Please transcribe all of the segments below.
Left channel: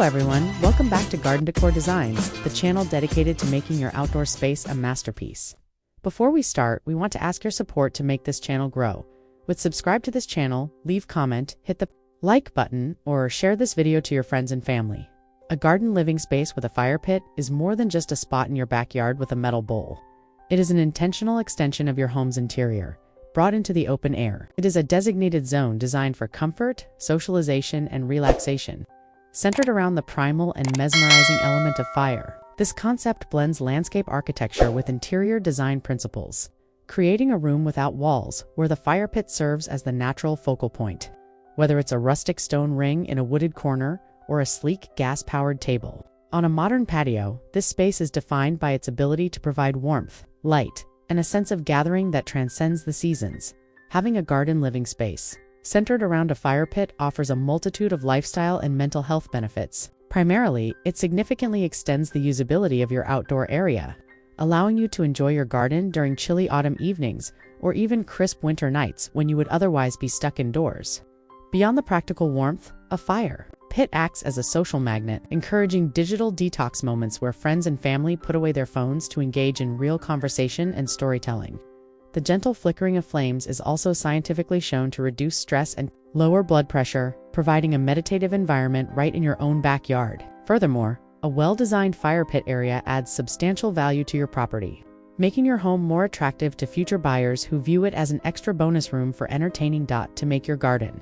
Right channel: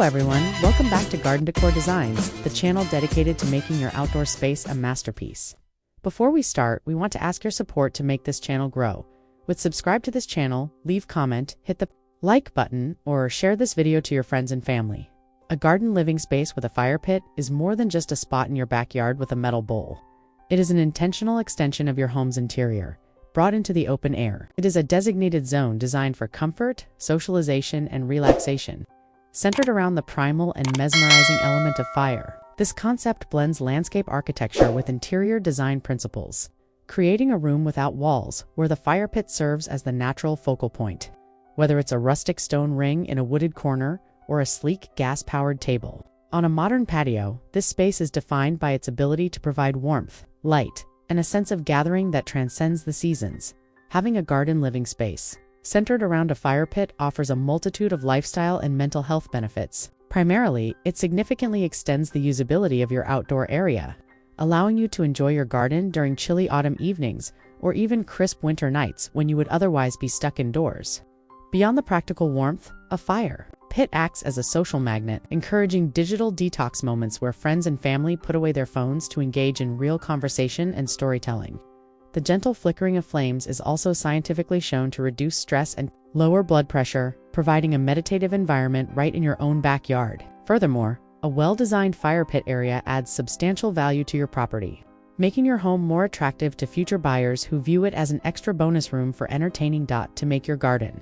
Hello everyone, welcome back to Garden Decor Designs, the channel dedicated to making your outdoor space a masterpiece. Before we start, we want to ask your support to make this channel grow. Subscribe to this channel, leave comment, hit the like button, or share this video to your friends and family. A garden living space with a fire pit is more than just a spot in your backyard with a metal bowl. It is an intentional extension of your home's interior, brought into the open air. It is a designated zone designed for comfort, socialization, and relaxation, centered around the primal and mesmerizing element of fire. This concept blends landscape architecture with interior design principles, creating a room without walls where the fire pit serves as the natural focal point. Whether it's a rustic stone ring in a wooded corner or a sleek gas-powered table on a modern patio, this space is defined by its ability to provide warmth, light, and a sense of gathering that transcends the seasons. Having a garden living space centered around a fire pit offers a multitude of lifestyle and mental health benefits. Primarily, it significantly extends the usability of your outdoor area, allowing you to enjoy your garden during chilly autumn evenings or even crisp winter nights when you would otherwise be stuck indoors. Beyond the practical warmth, a fire pit acts as a social magnet, encouraging digital detox moments where friends and family put away their phones to engage in real conversation and storytelling. The gentle flickering of flames is also scientifically shown to reduce stress and lower blood pressure, providing a meditative environment right in your own backyard. Furthermore, a well-designed fire pit area adds substantial value to your property, making your home more attractive to future buyers who view it as an extra bonus room for entertaining to make your garden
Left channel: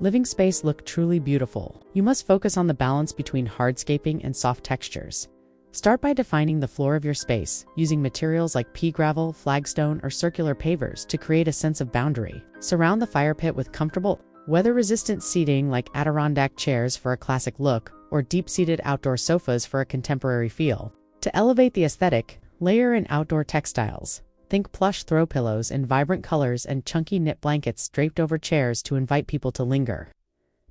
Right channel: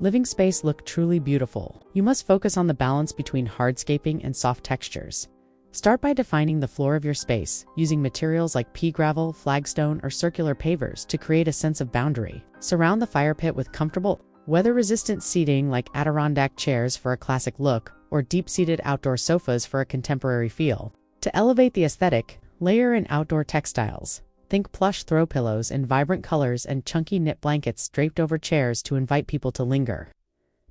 living space look truly beautiful. You must focus on the balance between hardscaping and soft textures. Start by defining the floor of your space, using materials like pea gravel, flagstone, or circular pavers to create a sense of boundary. Surround the fire pit with comfortable, weather-resistant seating like Adirondack chairs for a classic look, or deep-seated outdoor sofas for a contemporary feel. To elevate the aesthetic, layer in outdoor textiles. Think plush throw pillows in vibrant colors and chunky knit blankets draped over chairs to invite people to linger.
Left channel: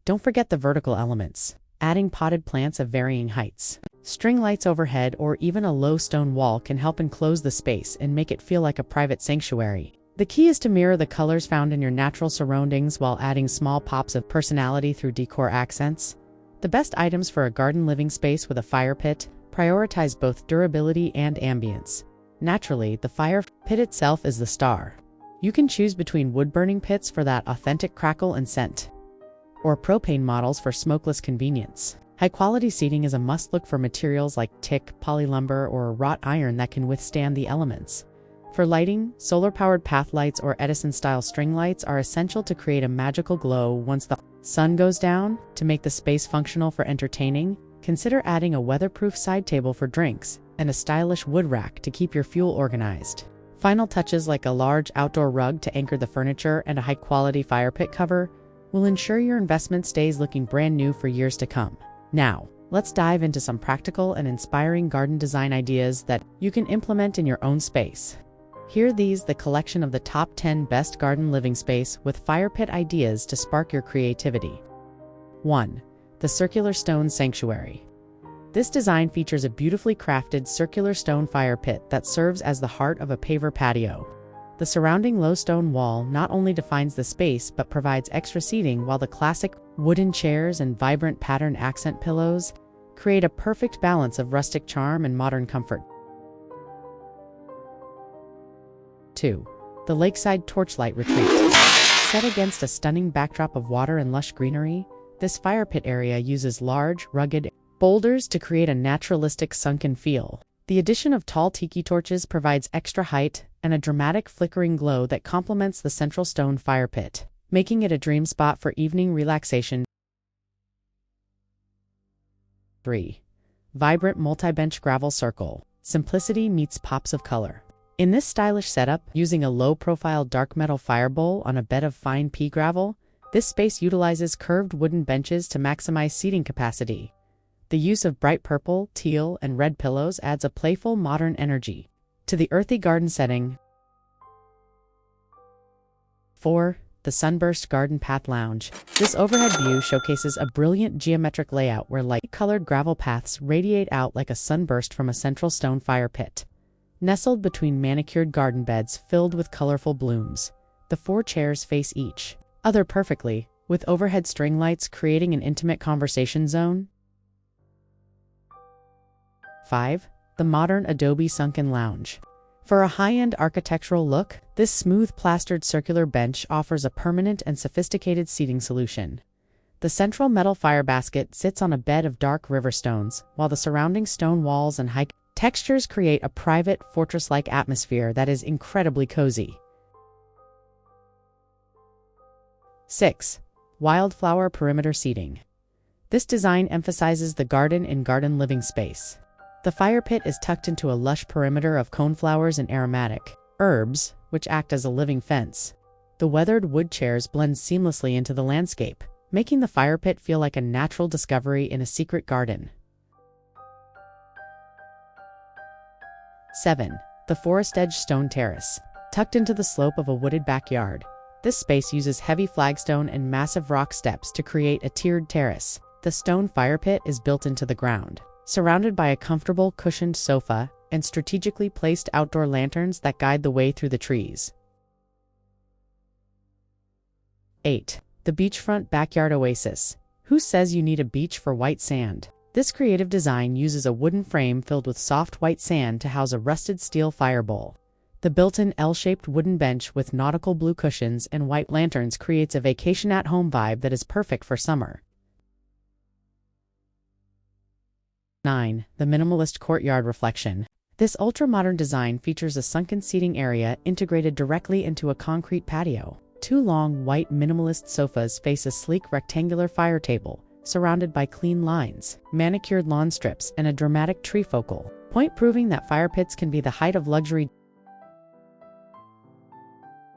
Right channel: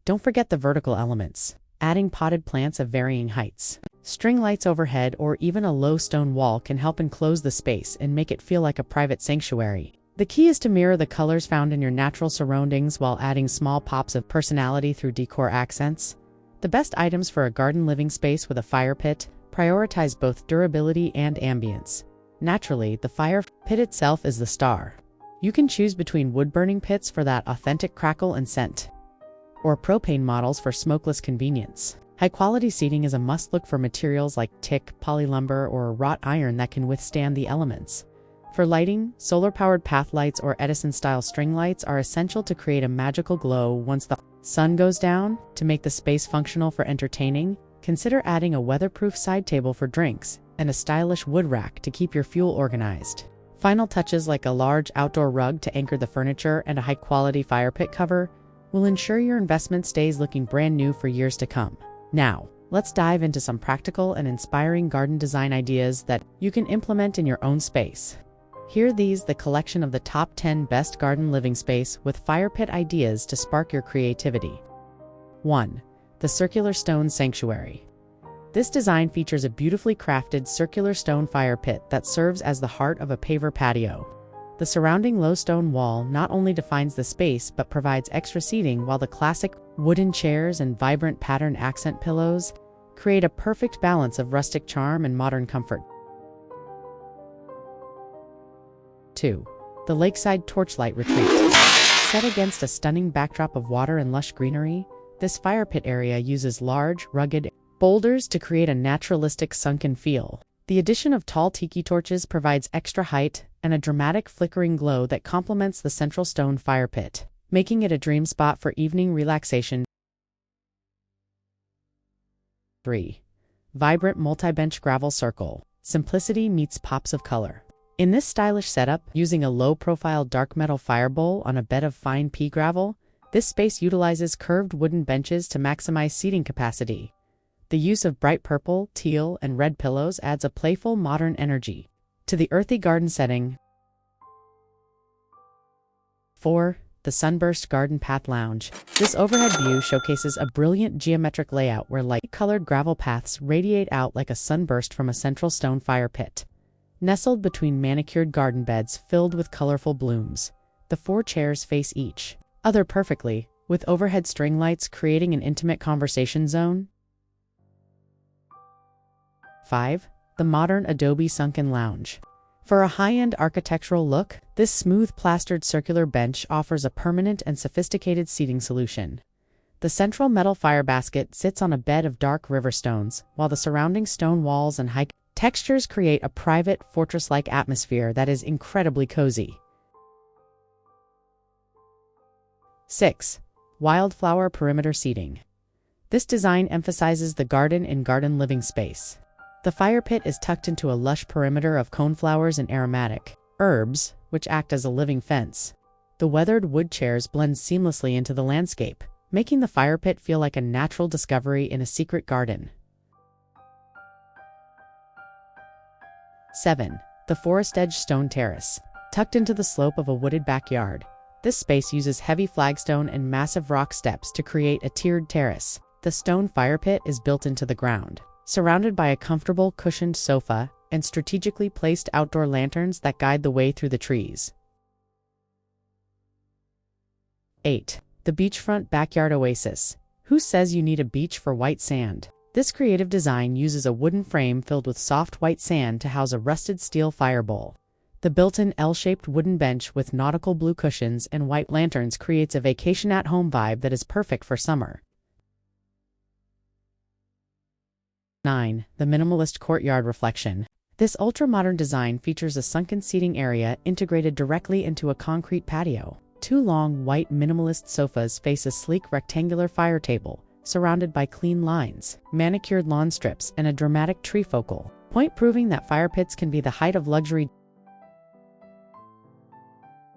Don't forget the vertical elements, adding potted plants of varying heights. String lights overhead or even a low stone wall can help enclose the space and make it feel like a private sanctuary. The key is to mirror the colors found in your natural surroundings while adding small pops of personality through decor accents. The best items for a garden living space with a fire pit prioritize both durability and ambience. Naturally, the fire pit itself is the star. You can choose between wood-burning pits for that authentic crackle and scent, or propane models for smokeless convenience. High-quality seating is a must-look for materials like teak, polylumber, or wrought iron that can withstand the elements. For lighting, solar-powered path lights or Edison-style string lights are essential to create a magical glow once the sun goes down. To make the space functional for entertaining, consider adding a weatherproof side table for drinks and a stylish wood rack to keep your fuel organized. Final touches like a large outdoor rug to anchor the furniture and a high-quality fire pit cover will ensure your investment stays looking brand new for years to come. Now, let's dive into some practical and inspiring garden design ideas that you can implement in your own space. Here the collection of the top 10 best garden living space with fire pit ideas to spark your creativity. 1. The Circular Stone Sanctuary. This design features a beautifully crafted circular stone fire pit that serves as the heart of a paver patio. The surrounding low stone wall not only defines the space but provides extra seating, while the classic wooden chairs and vibrant pattern accent pillows create a perfect balance of rustic charm and modern comfort. 2. The Lakeside Torchlight Retreat. Set against a stunning backdrop of water and lush greenery, this fire pit area uses large, rugged boulders to create a naturalistic sunken feel. The addition of tall tiki torches provides extra height and a dramatic flickering glow that complements the central stone fire pit, making it a dream spot for evening relaxation. 3. Vibrant multi-bench gravel circle. Simplicity meets pops of color. In this stylish setup, using a low-profile dark metal fire bowl on a bed of fine pea gravel, this space utilizes curved wooden benches to maximize seating capacity. The use of bright purple, teal, and red pillows adds a playful, modern energy to the earthy garden setting. 4. The Sunburst Garden Path Lounge. This overhead view showcases a brilliant geometric layout where light-colored gravel paths radiate out like a sunburst from a central stone fire pit. Nestled between manicured garden beds filled with colorful blooms, the 4 chairs face each other perfectly, with overhead string lights creating an intimate conversation zone. 5. The modern Adobe sunken lounge. For a high-end architectural look, this smooth plastered circular bench offers a permanent and sophisticated seating solution. The central metal fire basket sits on a bed of dark river stones, while the surrounding stone walls and high textures create a private, fortress-like atmosphere that is incredibly cozy. 6. Wildflower perimeter seating. This design emphasizes the garden in garden living space. The fire pit is tucked into a lush perimeter of coneflowers and aromatic herbs, which act as a living fence. The weathered wood chairs blend seamlessly into the landscape, making the fire pit feel like a natural discovery in a secret garden. 7. The forest edge stone terrace. Tucked into the slope of a wooded backyard, this space uses heavy flagstone and massive rock steps to create a tiered terrace. The stone fire pit is built into the ground, surrounded by a comfortable cushioned sofa and strategically placed outdoor lanterns that guide the way through the trees. 8. The beachfront backyard oasis. Who says you need a beach for white sand? This creative design uses a wooden frame filled with soft white sand to house a rusted steel fire bowl. The built-in L-shaped wooden bench with nautical blue cushions and white lanterns creates a vacation-at-home vibe that is perfect for summer. 9. The minimalist courtyard reflection. This ultra-modern design features a sunken seating area integrated directly into a concrete patio. Two long, white minimalist sofas face a sleek rectangular fire table, surrounded by clean lines, manicured lawn strips, and a dramatic tree focal point, proving that fire pits can be the height of luxury.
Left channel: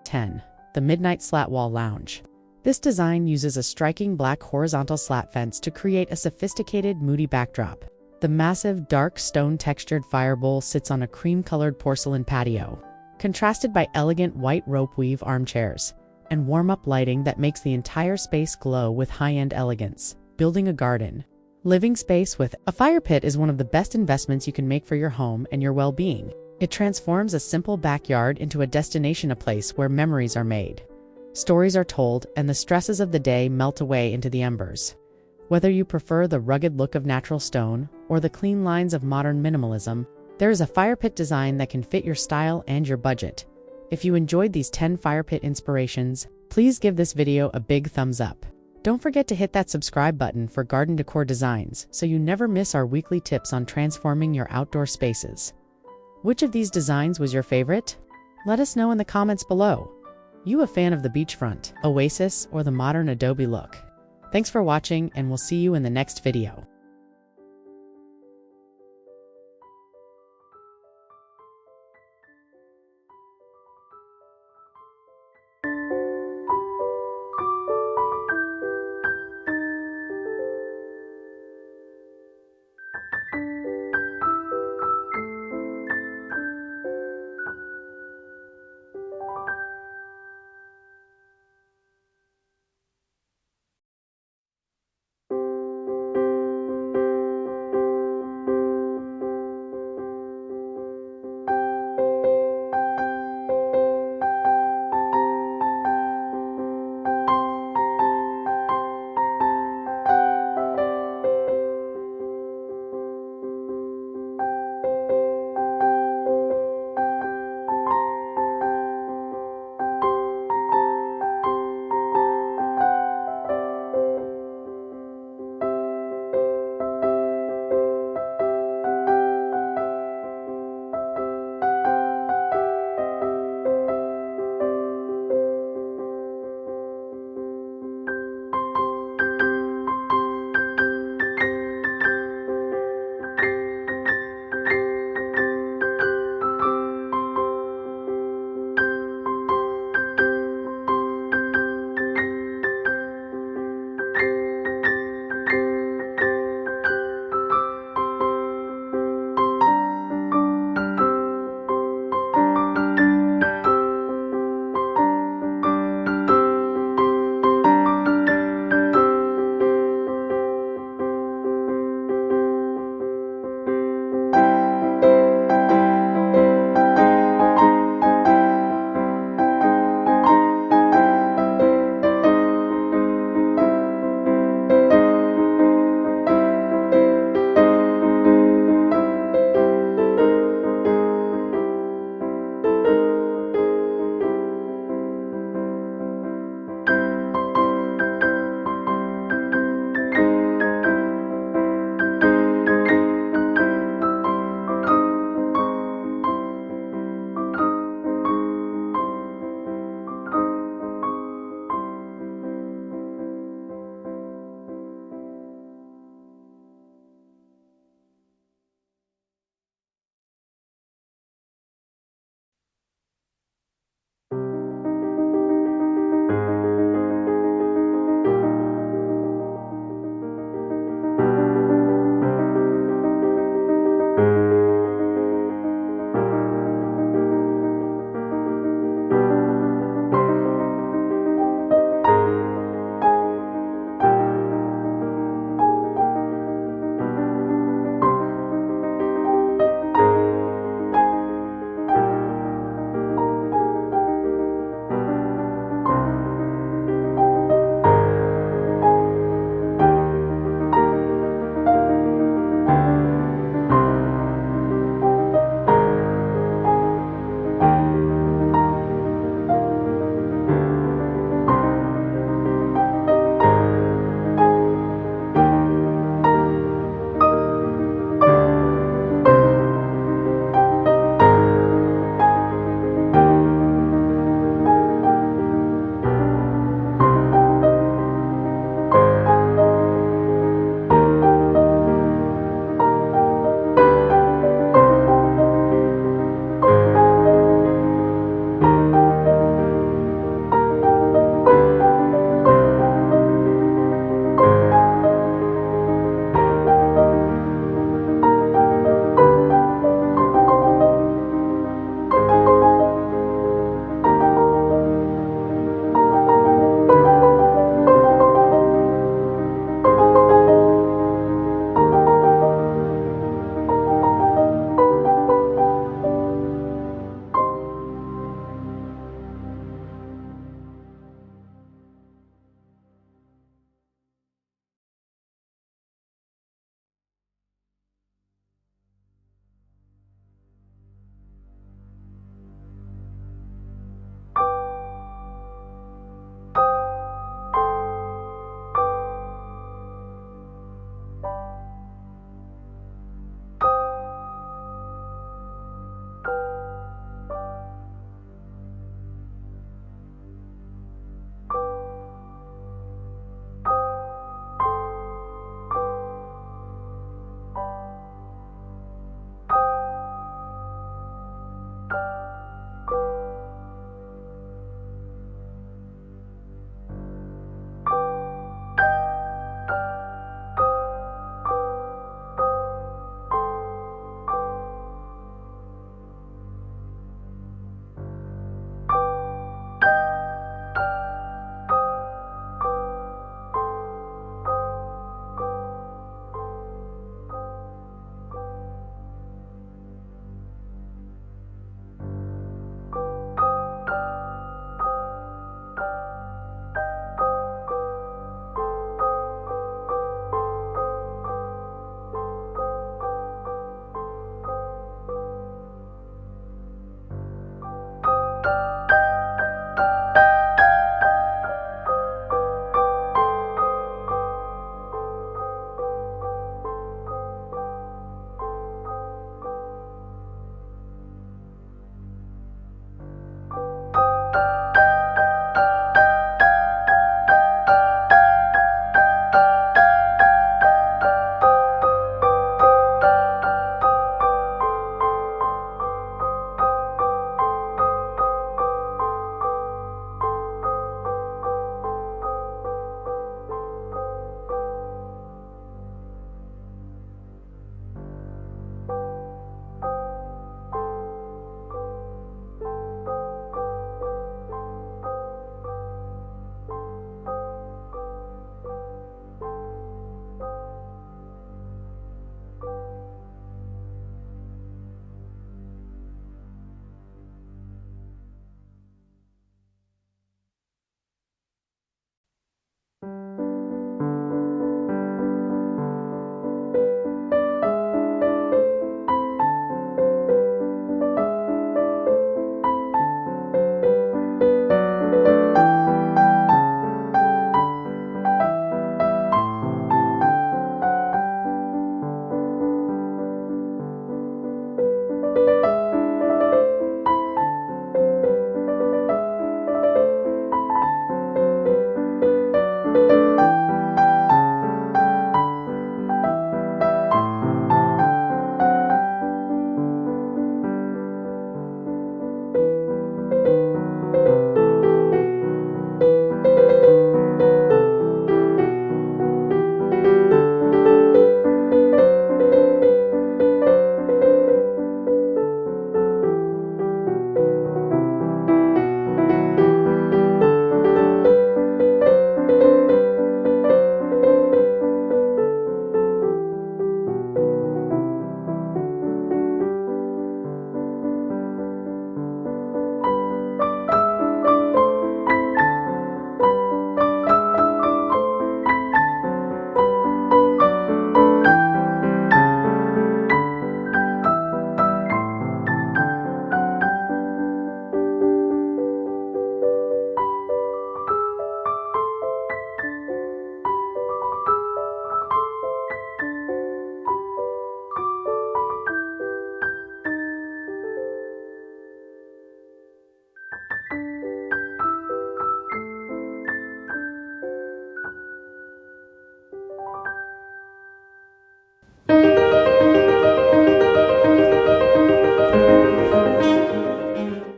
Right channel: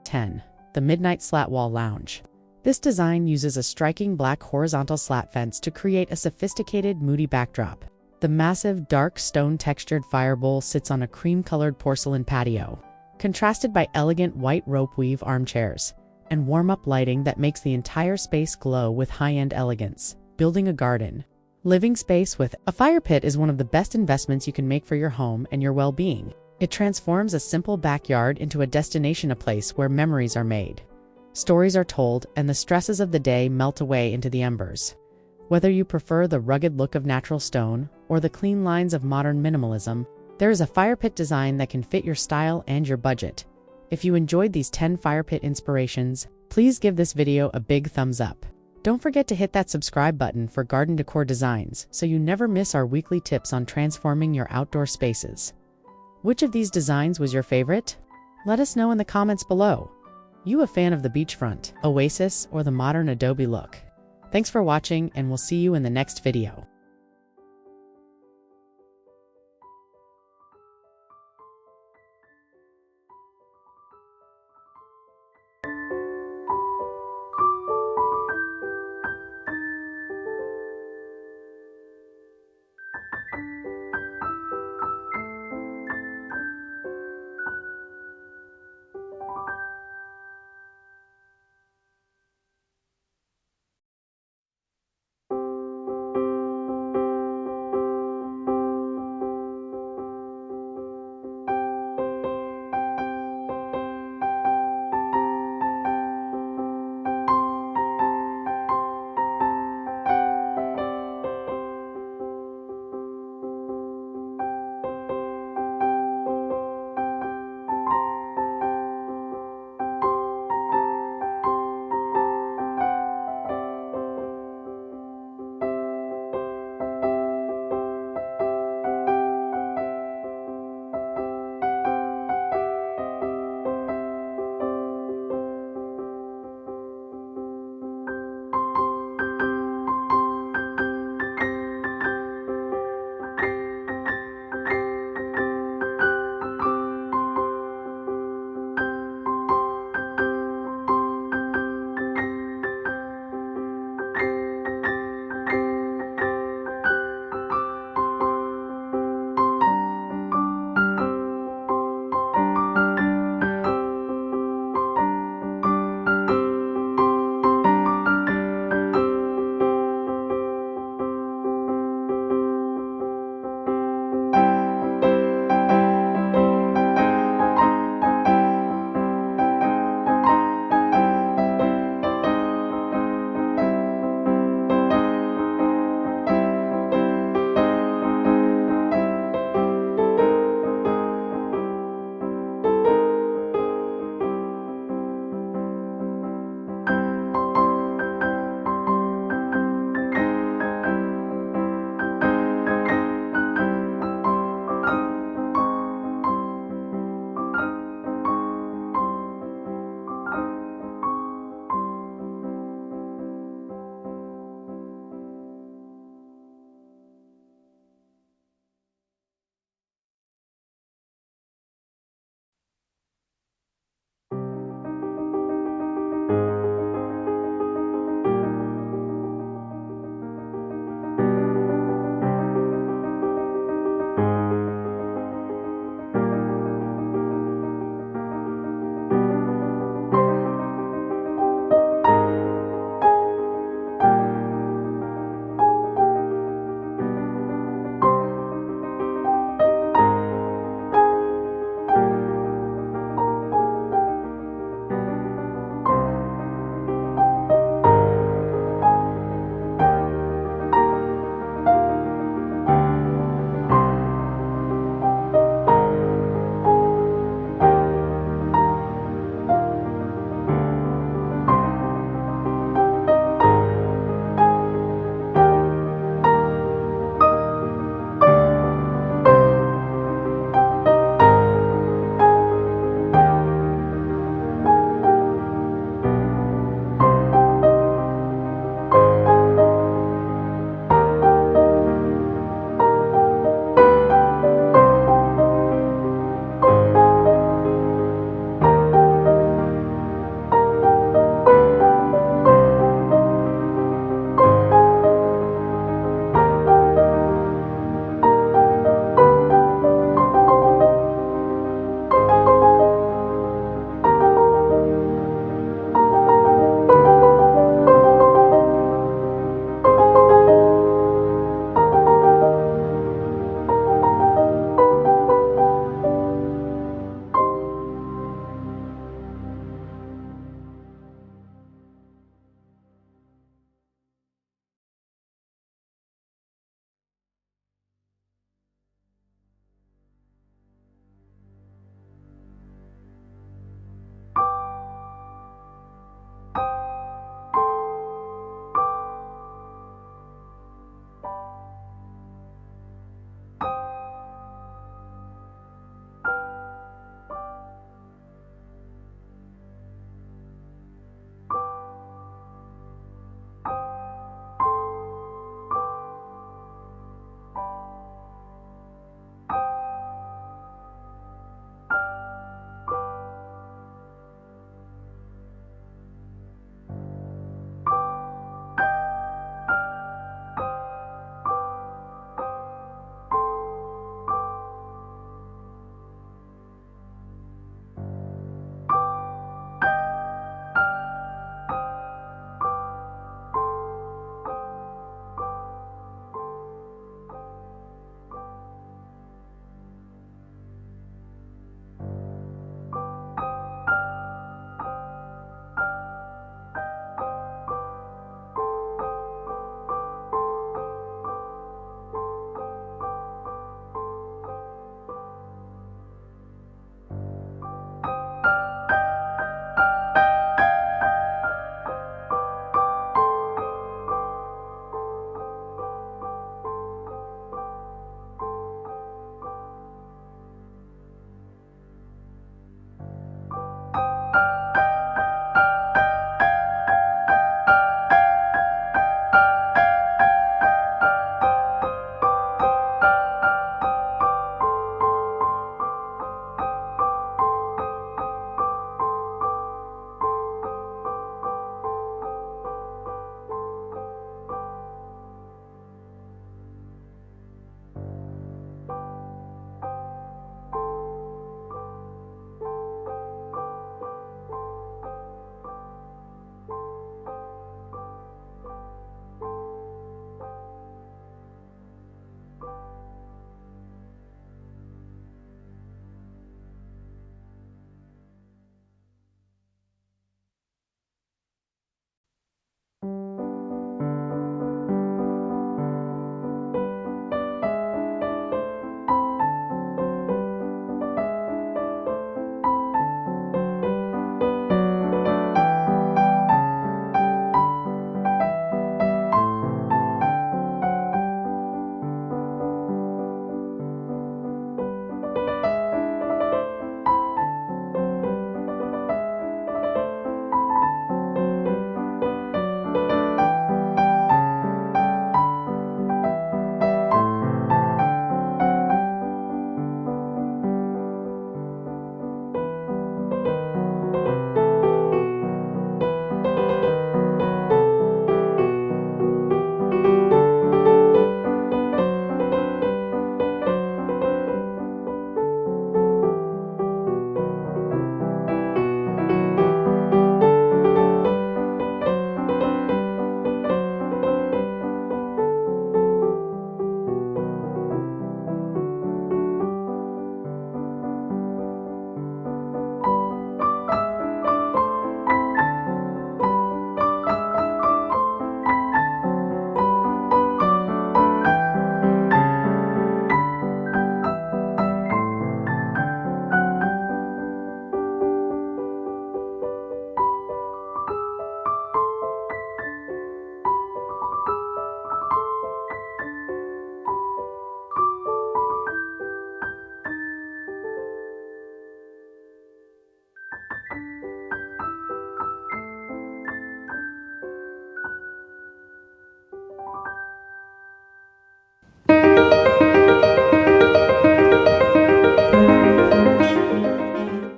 10. The midnight slat wall lounge. This design uses a striking black horizontal slat fence to create a sophisticated, moody backdrop. The massive, dark, stone-textured fire bowl sits on a cream-colored porcelain patio, contrasted by elegant white rope weave armchairs and warm-up lighting that makes the entire space glow with high-end elegance. Building a garden living space with a fire pit is one of the best investments you can make for your home and your well-being. It transforms a simple backyard into a destination, a place where memories are made, stories are told, and the stresses of the day melt away into the embers. Whether you prefer the rugged look of natural stone or the clean lines of modern minimalism, there is a fire pit design that can fit your style and your budget. If you enjoyed these 10 fire pit inspirations, please give this video a big thumbs up. Don't forget to hit that subscribe button for Garden Decor Designs so you never miss our weekly tips on transforming your outdoor spaces. Which of these designs was your favorite? Let us know in the comments below. You a fan of the beachfront, oasis, or the modern Adobe look? Thanks for watching, and we'll see you in the next video.